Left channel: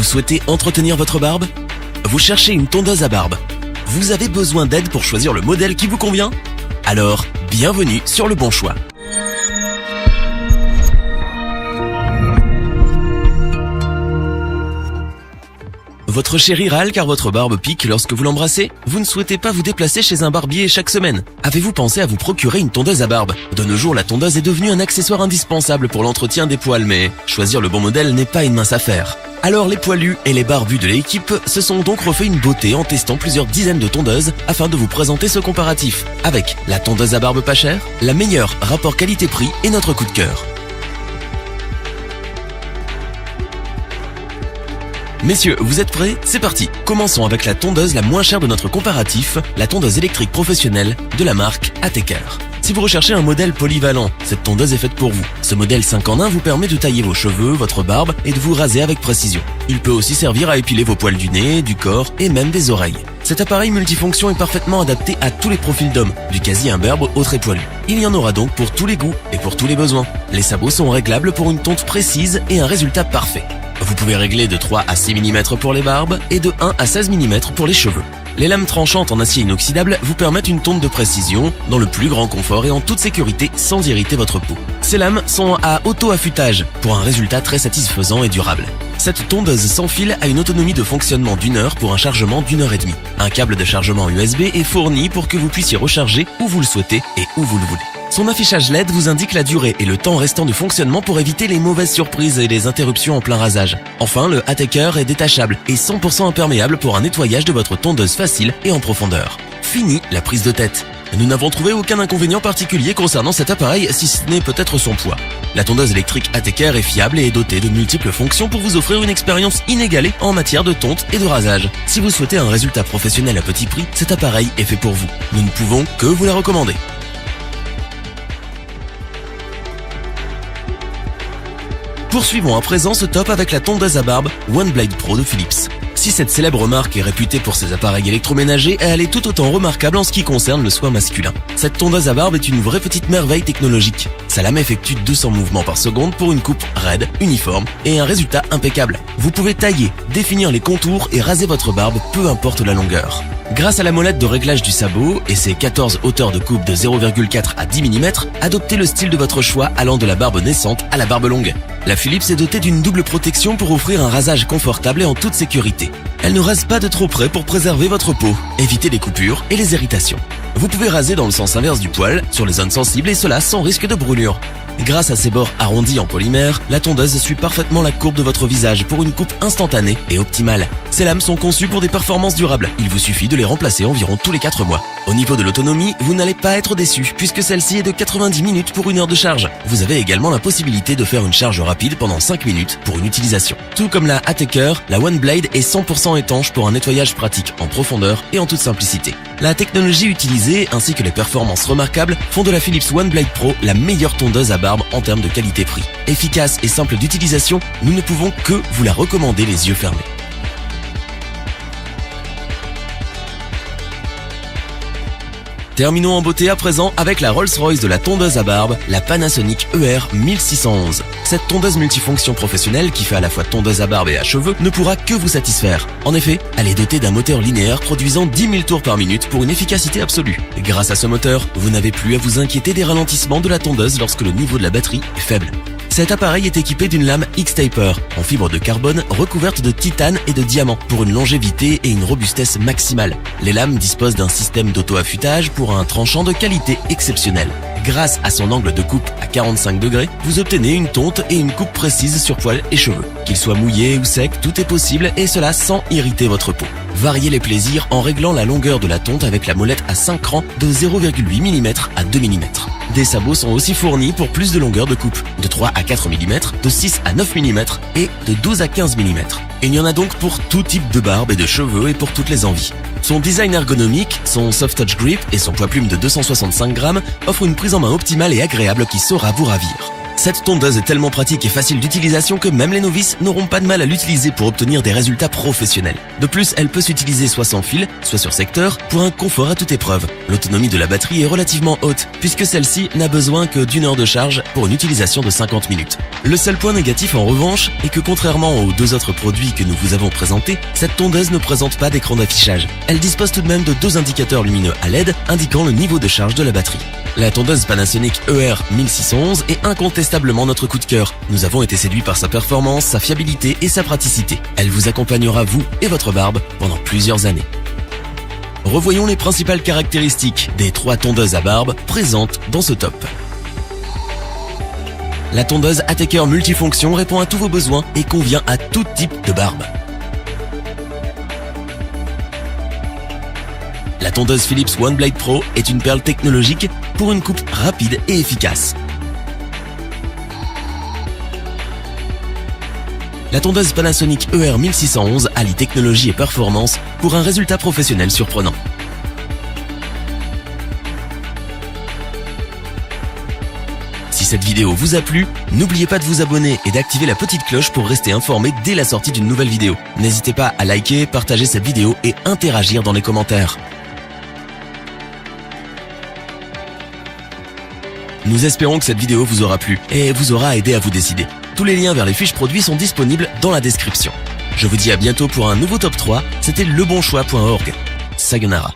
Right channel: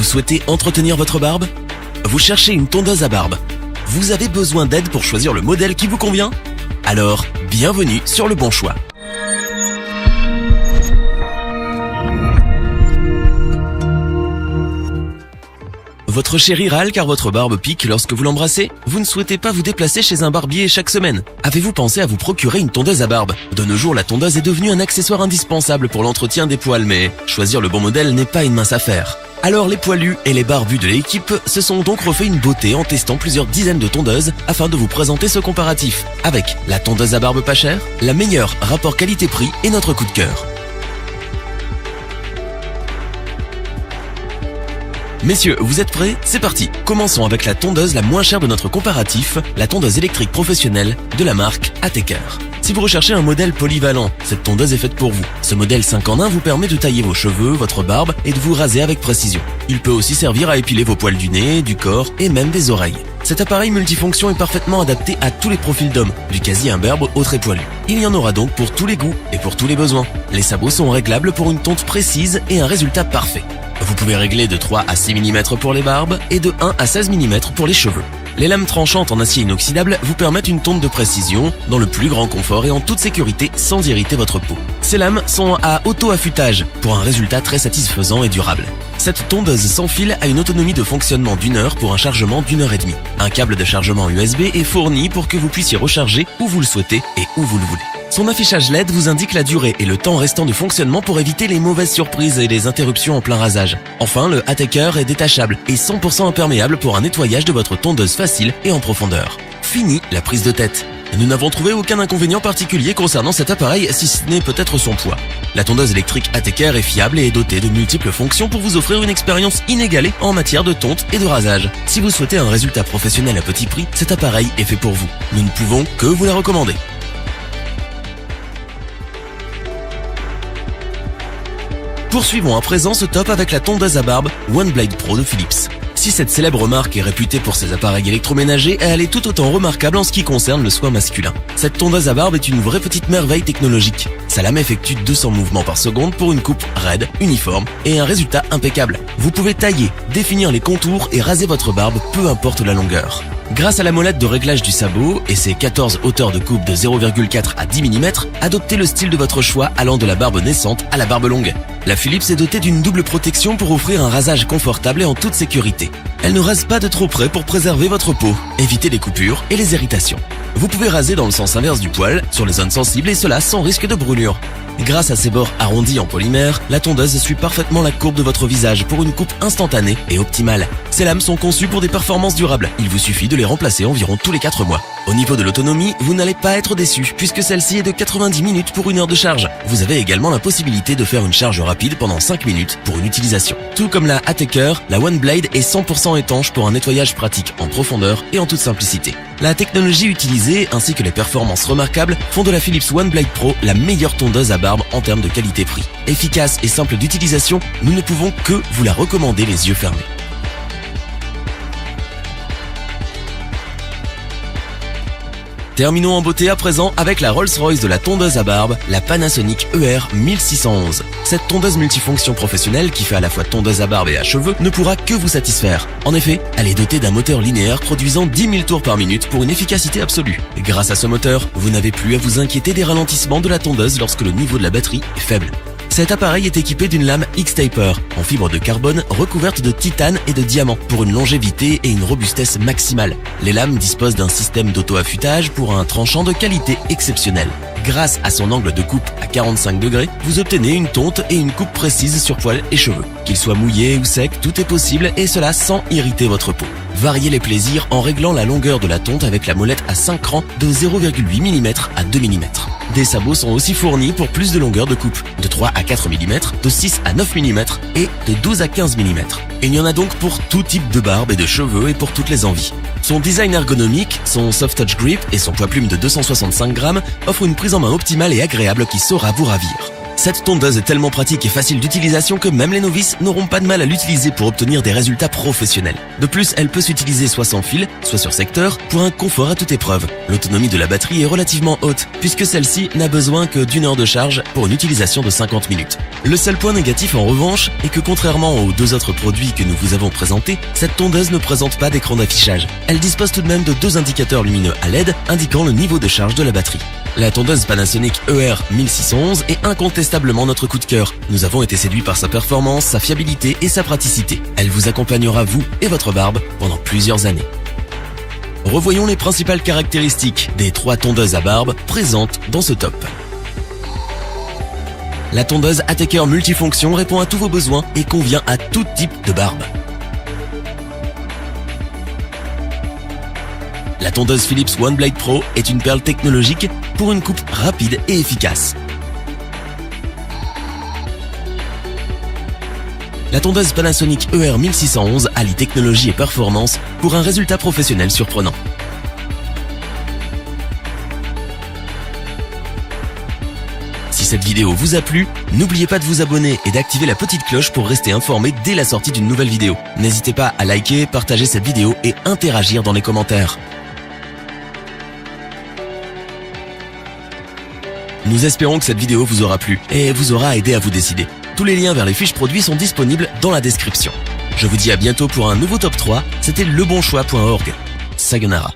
Vous souhaitez entretenir votre barbe? Vous cherchez une tondeuse à barbe? Vous avez besoin d'aide pour choisir le modèle qui vous convient? Alors, bienvenue sur le bon choix. Votre chéri râle car votre barbe pique lorsque vous l'embrassez? Vous ne souhaitez pas vous déplacer chez un barbier chaque semaine? Avez-vous pensé à vous procurer une tondeuse à barbe? De nos jours, la tondeuse est devenue un accessoire indispensable pour l'entretien des poils, mais choisir le bon modèle n'est pas une mince affaire. Alors les poilus et les barbus de l'équipe se sont donc refait une beauté en testant plusieurs dizaines de tondeuses afin de vous présenter ce comparatif. Avec la tondeuse à barbe pas chère, la meilleure rapport qualité-prix et notre coup de cœur. Messieurs, vous êtes prêts? C'est parti. Commençons avec la tondeuse la moins chère de notre comparatif, la tondeuse électrique professionnelle de la marque Ateker. Si vous recherchez un modèle polyvalent, cette tondeuse est faite pour vous. Ce modèle 5 en 1 vous permet de tailler vos cheveux, votre barbe et de vous raser avec précision. Il peut aussi servir à épiler vos poils du nez, du corps et même des oreilles. Cet appareil multifonction est parfaitement adapté à tous les profils d'hommes, du quasi-imberbe au très poilu. Il y en aura donc pour tous les goûts et pour tous les besoins. Les sabots sont réglables pour une tonte précise et un résultat parfait. Vous pouvez régler de 3 à 6 mm pour les barbes et de 1 à 16 mm pour les cheveux. Les lames tranchantes en acier inoxydable vous permettent une tonte de précision dans le plus grand confort et en toute sécurité sans irriter votre peau. Ces lames sont à auto-affûtage pour un résultat très satisfaisant et durable. Cette tondeuse sans fil a une autonomie de fonctionnement d'1 heure pour un chargement d'1 heure et demie. Un câble de chargement USB est fourni pour que vous puissiez recharger où vous le souhaitez et où vous le voulez. Son affichage LED vous indique la durée et le temps restant de fonctionnement pour éviter les mauvaises surprises et les interruptions en plein rasage. Enfin, le Ateker est détachable et 100% imperméable pour un nettoyage de votre tondeuse facile et en profondeur. Fini la prise de tête. Nous n'avons trouvé aucun inconvénient particulier concernant cet appareil, si ce n'est peut-être son poids. La tondeuse électrique Ateker est fiable et est dotée de multiples fonctions pour vous offrir une expérience inégalée en matière de tonte et de rasage. Si vous souhaitez un résultat professionnel à petit prix, cet appareil est fait pour vous. Nous ne pouvons que vous la recommander. Poursuivons à présent ce top avec la tondeuse à barbe OneBlade Pro de Philips. Si cette célèbre marque est réputée pour ses appareils électroménagers, elle est tout autant remarquable en ce qui concerne le soin masculin. Cette tondeuse à barbe est une vraie petite merveille technologique. Sa lame effectue 200 mouvements par seconde pour une coupe raide, uniforme et un résultat impeccable. Vous pouvez tailler, définir les contours et raser votre barbe, peu importe la longueur. Grâce à la molette de réglage du sabot et ses 14 hauteurs de coupe de 0,4 à 10 mm, adoptez le style de votre choix allant de la barbe naissante à la barbe longue. La Philips est dotée d'une double protection pour offrir un rasage confortable et en toute sécurité. Elle ne reste pas de trop près pour préserver votre peau, éviter les coupures et les irritations. Vous pouvez raser dans le sens inverse du poil, sur les zones sensibles et cela sans risque de brûlure. Grâce à ses bords arrondis en polymère, la tondeuse suit parfaitement la courbe de votre visage pour une coupe instantanée et optimale. Ces lames sont conçues pour des performances durables. Il vous suffit de les remplacer environ tous les 4 mois. Au niveau de l'autonomie, vous n'allez pas être déçu puisque celle-ci est de 90 minutes pour 1 heure de charge. Vous avez également la possibilité de faire une charge rapide pendant 5 minutes pour une utilisation. Tout comme la Ateker, la OneBlade est 100% étanche pour un nettoyage pratique en profondeur et en toute simplicité. La technologie utilisée ainsi que les performances remarquables font de la Philips OneBlade Pro la meilleure tondeuse à barbe en termes de qualité-prix. Efficace et simple d'utilisation, nous ne pouvons que vous la recommander les yeux fermés. Terminons en beauté à présent avec la Rolls-Royce de la tondeuse à barbe, la Panasonic ER 1611. Cette tondeuse multifonction professionnelle qui fait à la fois tondeuse à barbe et à cheveux ne pourra que vous satisfaire. En effet, elle est dotée d'un moteur linéaire produisant 10 000 tours par minute pour une efficacité absolue. Et grâce à ce moteur, vous n'avez plus à vous inquiéter des ralentissements de la tondeuse lorsque le niveau de la batterie est faible. Cet appareil est équipé d'une lame X-Taper en fibre de carbone recouverte de titane et de diamant pour une longévité et une robustesse maximale. Les lames disposent d'un système d'auto-affûtage pour un tranchant de qualité exceptionnelle. Grâce à son angle de coupe à 45 degrés, vous obtenez une tonte et une coupe précise sur poils et cheveux. Qu'il soit mouillé ou sec, tout est possible et cela sans irriter votre peau. Variez les plaisirs en réglant la longueur de la tonte avec la molette à 5 rangs de 0,8 mm à 2 mm. Des sabots sont aussi fournis pour plus de longueur de coupe, de 3 à 4 mm, de 6 à 9 mm et de 12 à 15 mm. Et il y en a donc pour tout type de barbe et de cheveux et pour toutes les envies. Son design ergonomique, son soft touch grip et son poids-plume de 265 grammes offrent une prise en main optimale et agréable qui sera vous ravir. Cette tondeuse est tellement pratique et facile d'utilisation que même les novices n'auront pas de mal à l'utiliser pour obtenir des résultats professionnels. De plus, elle peut s'utiliser soit sans fil, soit sur secteur, pour un confort à toute épreuve. L'autonomie de la batterie est relativement haute, puisque celle-ci n'a besoin que d'1 heure de charge pour une utilisation de 50 minutes. Le seul point négatif en revanche est que contrairement aux 2 autres produits que nous vous avons présentés, cette tondeuse ne présente pas d'écran d'affichage. Elle dispose tout de même de 2 indicateurs lumineux à LED indiquant le niveau de charge de la batterie. La tondeuse Panasonic ER1611 est incontestablement notre coup de cœur. Nous avons été séduits par sa performance, sa fiabilité et sa praticité. Elle vous accompagnera, vous et votre barbe, pendant plusieurs années. Revoyons les principales caractéristiques des 3 tondeuses à barbe présentes dans ce top. La tondeuse Ateker multifonction répond à tous vos besoins et convient à tout type de barbe. La tondeuse Philips OneBlade Pro est une perle technologique pour une coupe rapide et efficace. La tondeuse Panasonic ER1611 allie technologie et performance pour un résultat professionnel surprenant. Si cette vidéo vous a plu, n'oubliez pas de vous abonner et d'activer la petite cloche pour rester informé dès la sortie d'une nouvelle vidéo. N'hésitez pas à liker, partager cette vidéo et interagir dans les commentaires. Nous espérons que cette vidéo vous aura plu et vous aura aidé à vous décider. Tous les liens vers les fiches produits sont disponibles dans la description. Je vous dis à bientôt pour un nouveau top 3. C'était lebonchoix.org. Sayonara.